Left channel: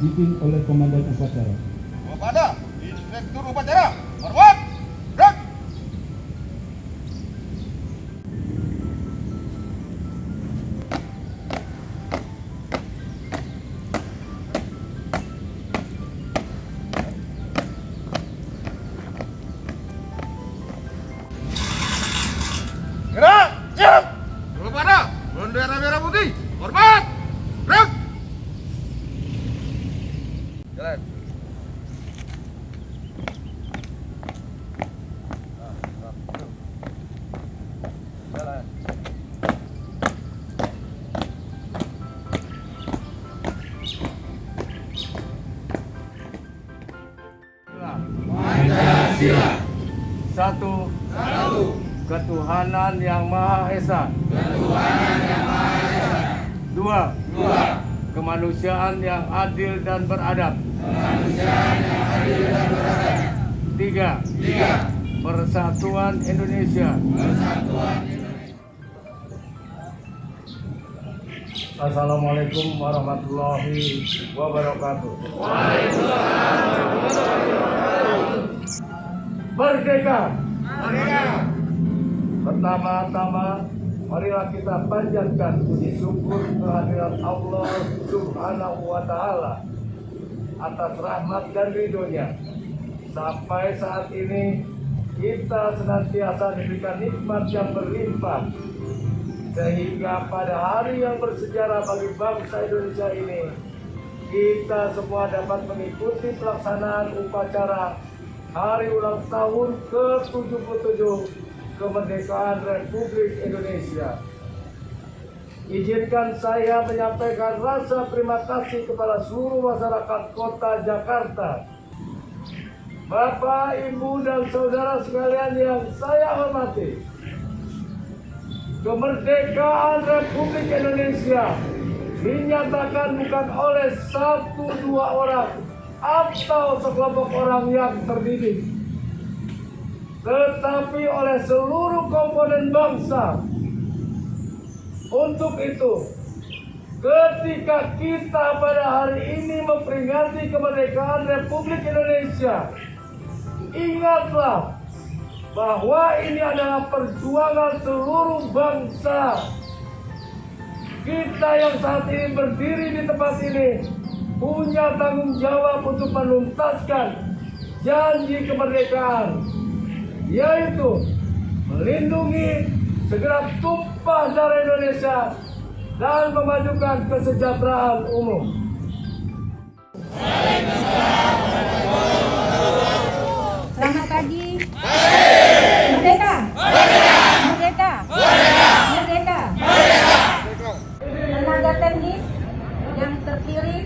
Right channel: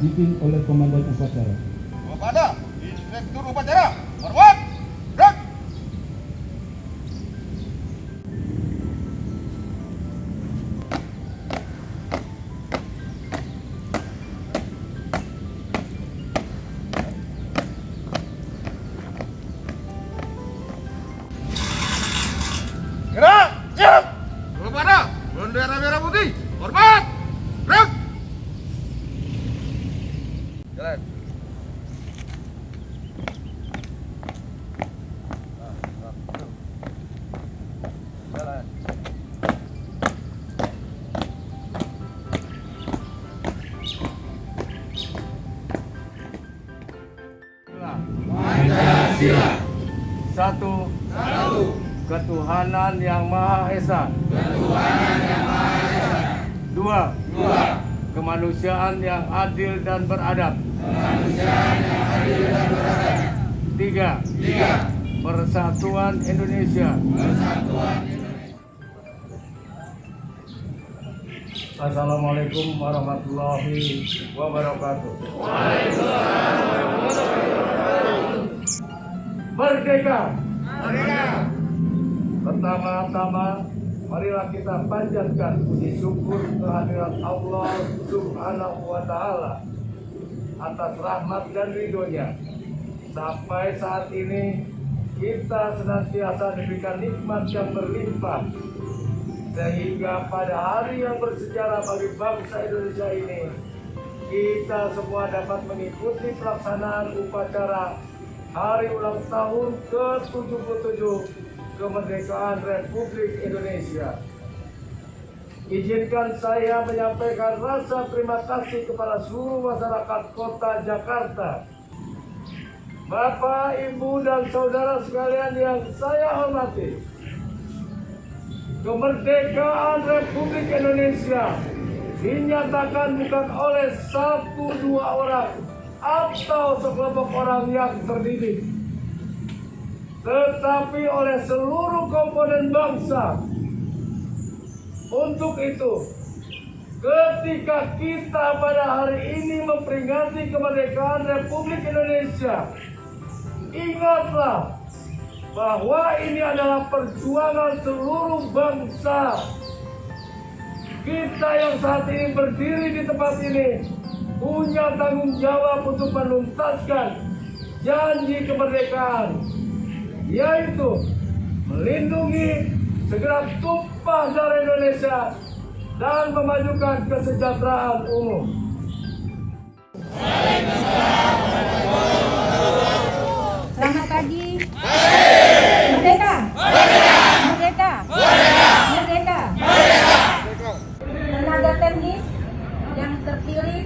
dipimpin oleh Komandan Upacara. Kepada Inspektur Upacara, hormat, gerak. Gerak, siap. Kepada bendera merah putih, hormat, gerak. Jalan. Jalan. Pancasila. Satu. Satu. Ketuhanan Yang Maha Esa. Ketuhanan Yang Maha Esa. Dua. Dua. Kemanusiaan yang adil dan beradab. Kemanusiaan yang adil dan beradab. Tiga. Tiga. Persatuan Indonesia. Persatuan Indonesia. Assalamualaikum warahmatullahi wabarakatuh. Merdeka. Merdeka. Pertama-tama, marilah kita panjatkan puji syukur kehadirat Allah Subhanahu wa Ta'ala atas rahmat dan ridhonya. Sampai saat ini kita senantiasa diberikan nikmat yang berlimpah, sehingga pada hari yang bersejarah bagi bangsa Indonesia ini, kita semua dapat mengikuti pelaksanaan upacara hari ulang tahun ke-77 kemerdekaan Republik Indonesia. Izinkan saya menyampaikan rasa terima kasih kepada seluruh masyarakat Kota Jakarta, Bapak, Ibu, dan saudara sekalian yang saya hormati. Kemerdekaan Republik Indonesia dinyatakan bukan oleh satu dua orang atau sekelompok orang yang terdidik, tetapi oleh seluruh komponen bangsa. Untuk itu, ketika kita pada hari ini memperingati kemerdekaan Republik Indonesia, ingatlah bahwa ini adalah perjuangan seluruh bangsa. Kita yang saat ini berdiri di tempat ini punya tanggung jawab untuk menuntaskan janji kemerdekaan, yaitu melindungi segera tumpah darah Indonesia dan memajukan kesejahteraan umum. Selamat pagi. Merdeka. Merdeka. Merdeka. Tenaga teknis yang terpilih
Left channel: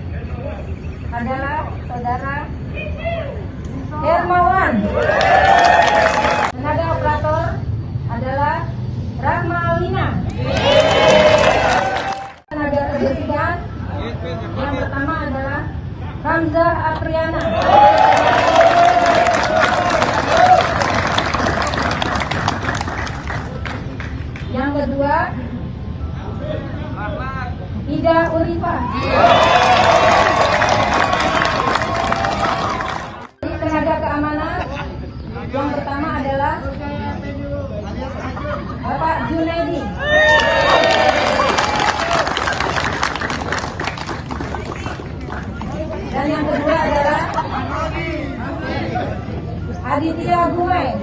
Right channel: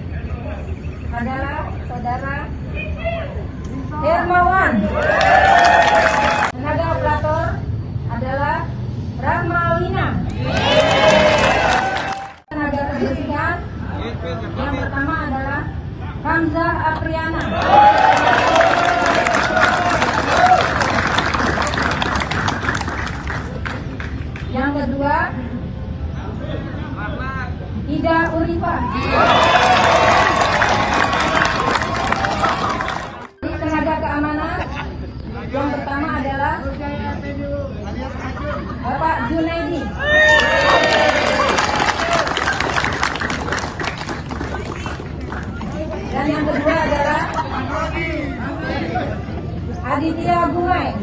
adalah Saudara Hermawan. Tenaga operator adalah Rahma Alina. Tenaga kebersihan yang pertama adalah Hamzah Apriana. Yang kedua, Ida Ulifah. Tenaga keamanan yang pertama adalah Bapak Junaidi. Dan yang kedua adalah Aditya Gumai.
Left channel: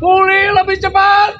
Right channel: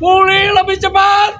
Pulih lebih cepat.